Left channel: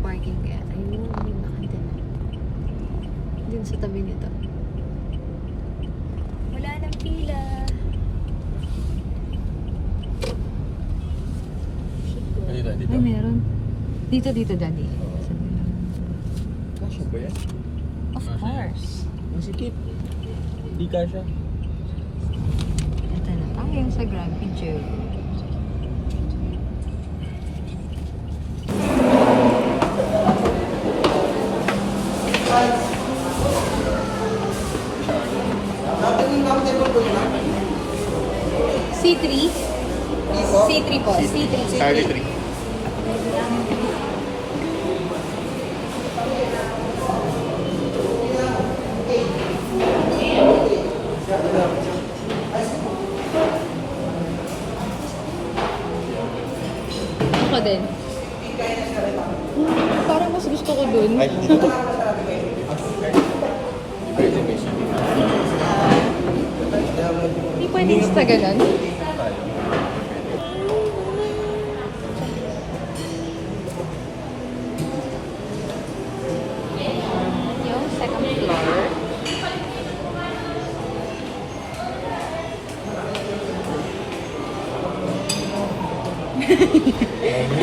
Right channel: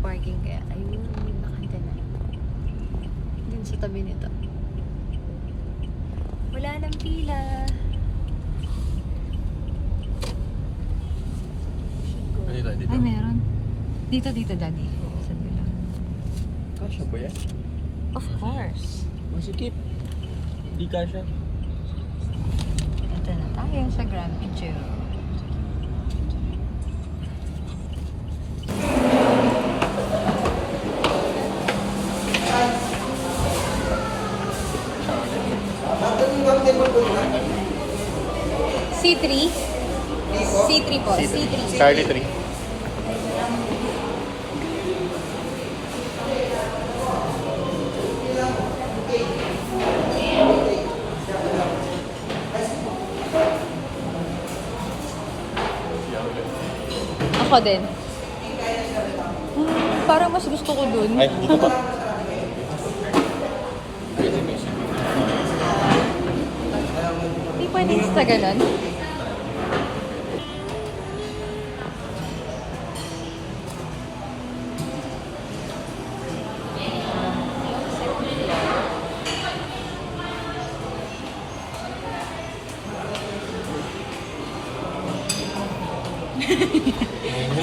parking kaya ayun, nakita na. Dun sa tabi nito. Wala nang pila. Dito. Ay, meron. Dito, daddy. Saan nila? Kasya ba yan? Of course. Masikip. Hindi kasya. Ito na tayo sa Grand Picture. C3? C3 po. C3. Charlie 3. Ako din. Parang mas gusto ko dun. Ay, Hindi pwede sa ganun.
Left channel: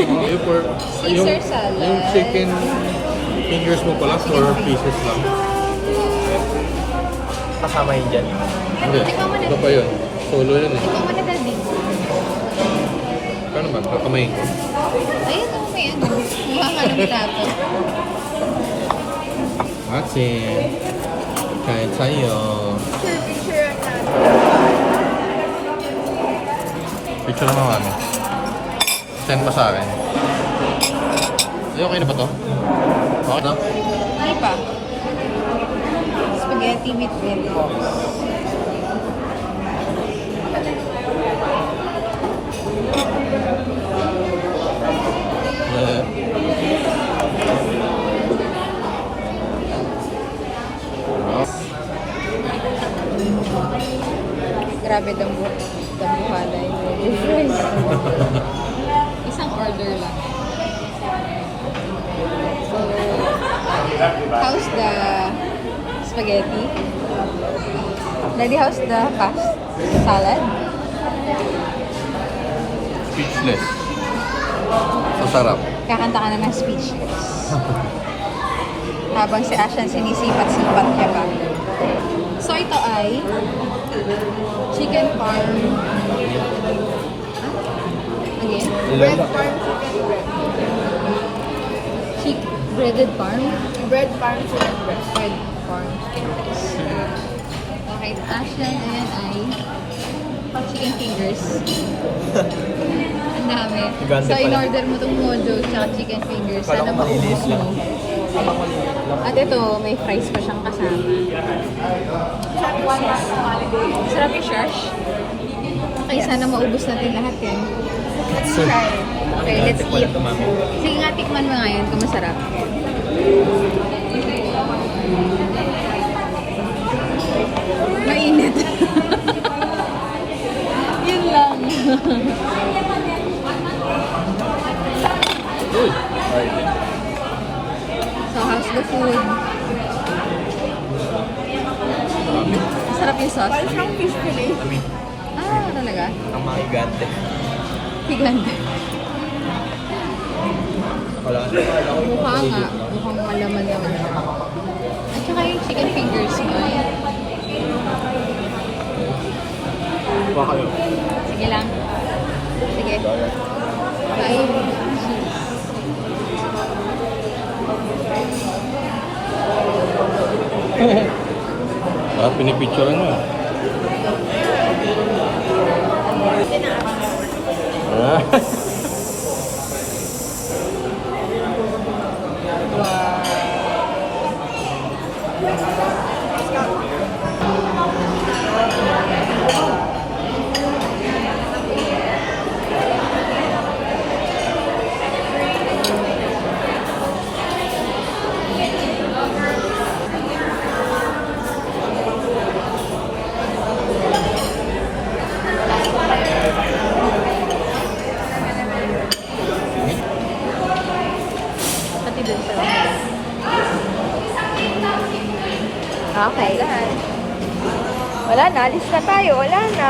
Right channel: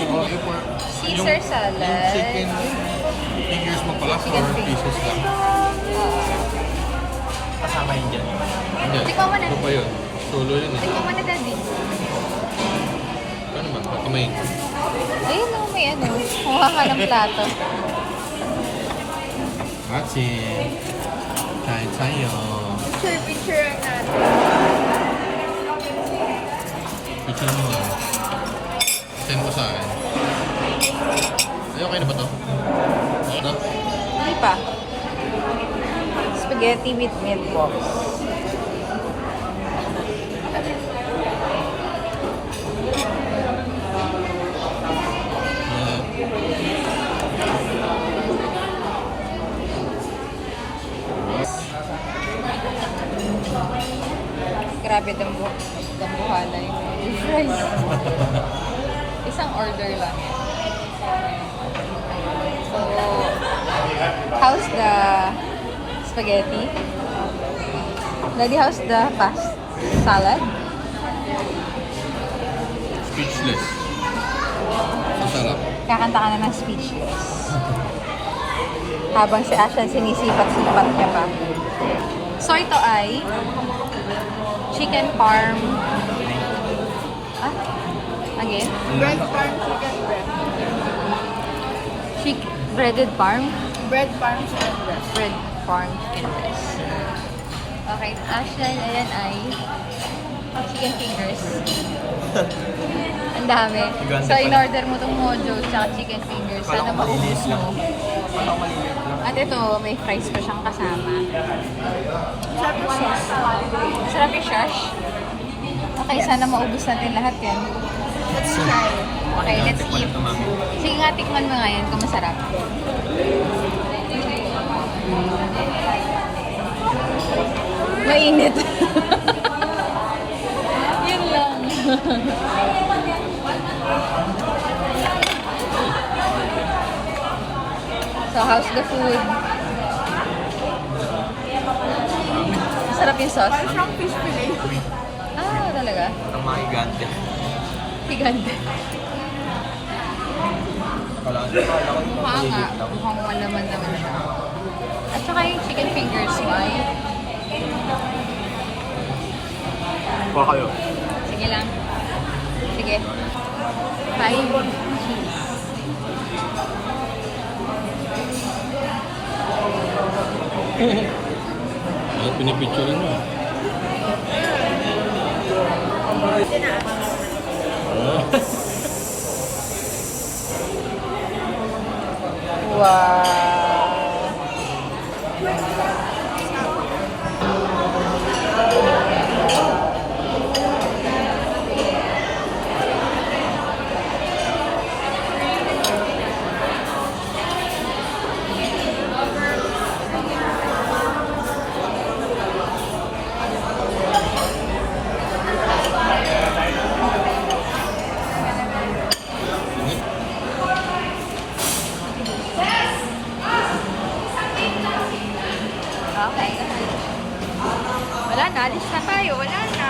Caesar salad. Yung chicken fingers mo pala, 4 pieces lang. kasama yun dyan. Hindi. Ikaw mo na. Ito pa yun. Solo yun eh. Ikaw mo na, daddy. Paano ba? Kakamayin ko. Ayun o, may ano. Kuha ka ng plato. Matsi. Kain tayo. Picture natin. Picture mo ano. Send mo sa akin. Ay, okay na ba to? Okay na? Hindi pa. Spaghetti with meatballs. Grabe dambuhala yung difference. Isang order lang. So, how's the spaghetti? Daddy, how's the salad? Speechless. Masarap. Kakanta ka na ng speechless. Habang si Ashley sinisipat-sipat niya. So, ito ay chicken parm. Ah? Again? Bread farm chicken bread. Breaded parm? Bread farm chicken bread. Bread parm. Okay, Ashley and I chicken fingers. Ang dami. Gigante So, pala. in-order mo itong mojo tsaka chicken fingers. Kala Sana ko malinis maubos lang. mo. Kala ko malinis lang. At ito, may fries pa siyang kasama. Sarap yung shash. Okay, sana maubos natin lahat yan. Okay, let's Tikman eat. ito, mami. Sige nga, tikman mo nga yan kung masarap. Mainit. Yun lang. So, how's the food? Masarap yung sauce? Parang fish fillet. Ah, talaga? Ang mga higante. Higanda. Kala ko yung Mukha nga. maliit lang. Mukhang malaman naman. At saka yung chicken fingers mo. Kuha kayo. Sige lang. Sige. Bye. Ah, pinipicture mo. Ah. Wow. Alis na tayo. Wala na.